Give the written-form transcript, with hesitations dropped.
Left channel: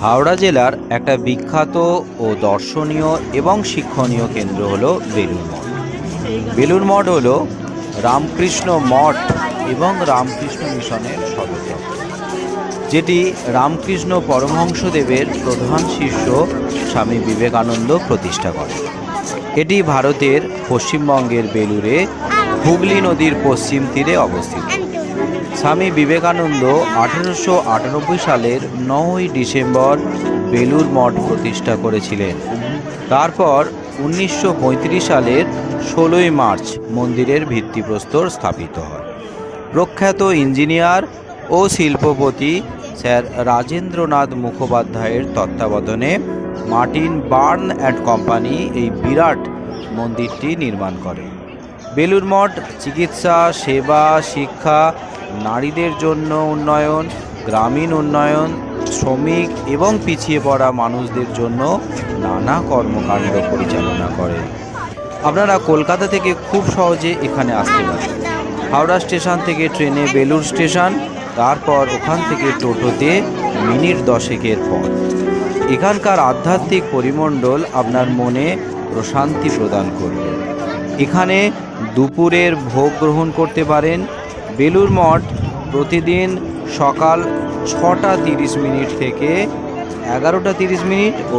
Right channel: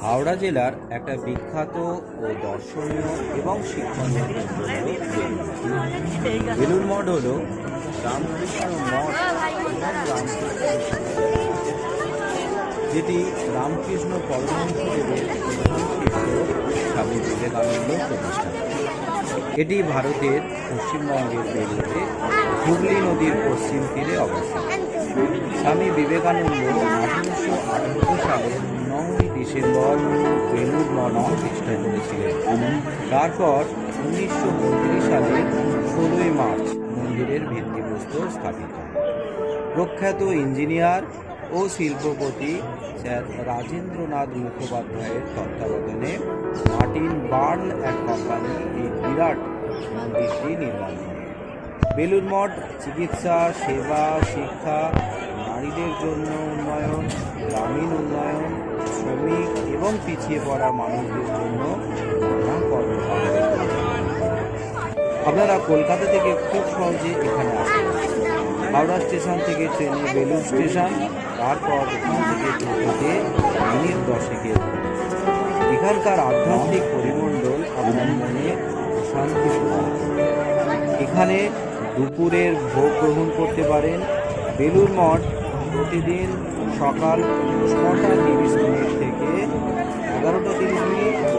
হাওড়া জেলার একটা বিখ্যাত ও দর্শনীয় এবং শিক্ষণীয় কেন্দ্র হলো বেলুড় মঠ। বেলুড় মঠ হলো রামকৃষ্ণ মঠ এবং রামকৃষ্ণ মিশনের সদর, যেটি রামকৃষ্ণ পরমহংসদেবের প্রধান শিষ্য স্বামী বিবেকানন্দ প্রতিষ্ঠা করেন। এটি ভারতের পশ্চিমবঙ্গের বেলুড়ে হুগলি নদীর পশ্চিম তীরে অবস্থিত। স্বামী বিবেকানন্দ 1898 সালের 9ই ডিসেম্বর বেলুড় মঠ প্রতিষ্ঠা করেছিলেন। তারপর 1935 সালের 16ই মার্চ মন্দিরের ভিত্তিপ্রস্তর স্থাপিত হয়। প্রখ্যাত ইঞ্জিনিয়ার ও শিল্পপতি স্যার রাজেন্দ্রনাথ মুখোপাধ্যায়ের তত্ত্বাবধানে মার্টিন বার্ন অ্যান্ড কোম্পানি এই বিরাট মন্দিরটি নির্মাণ করে। বেলুড় মঠ চিকিৎসা, সেবা, শিক্ষা, নারীদের জন্য উন্নয়ন, গ্রামীণ উন্নয়ন, শ্রমিক এবং পিছিয়ে পড়া মানুষদের জন্য নানা কর্মকাণ্ড পরিচালনা করে। আপনারা কলকাতা থেকে খুব সহজে এখানে আসতে পারেন। হাওড়া স্টেশন থেকে ট্রেনে বেলুড় স্টেশন, তারপর ওখান থেকে টোটোতে মিনিট 10-এর পথ। এখানকার আধ্যাত্মিক পরিমণ্ডল আপনার মনে প্রশান্তি প্রদান করবে। এখানে দুপুরের ভোগ গ্রহণ করতে পারেন। বেলুড় মঠ প্রতিদিন সকাল 6টা 30 মিনিট থেকে 11টা 30 মিনিট ও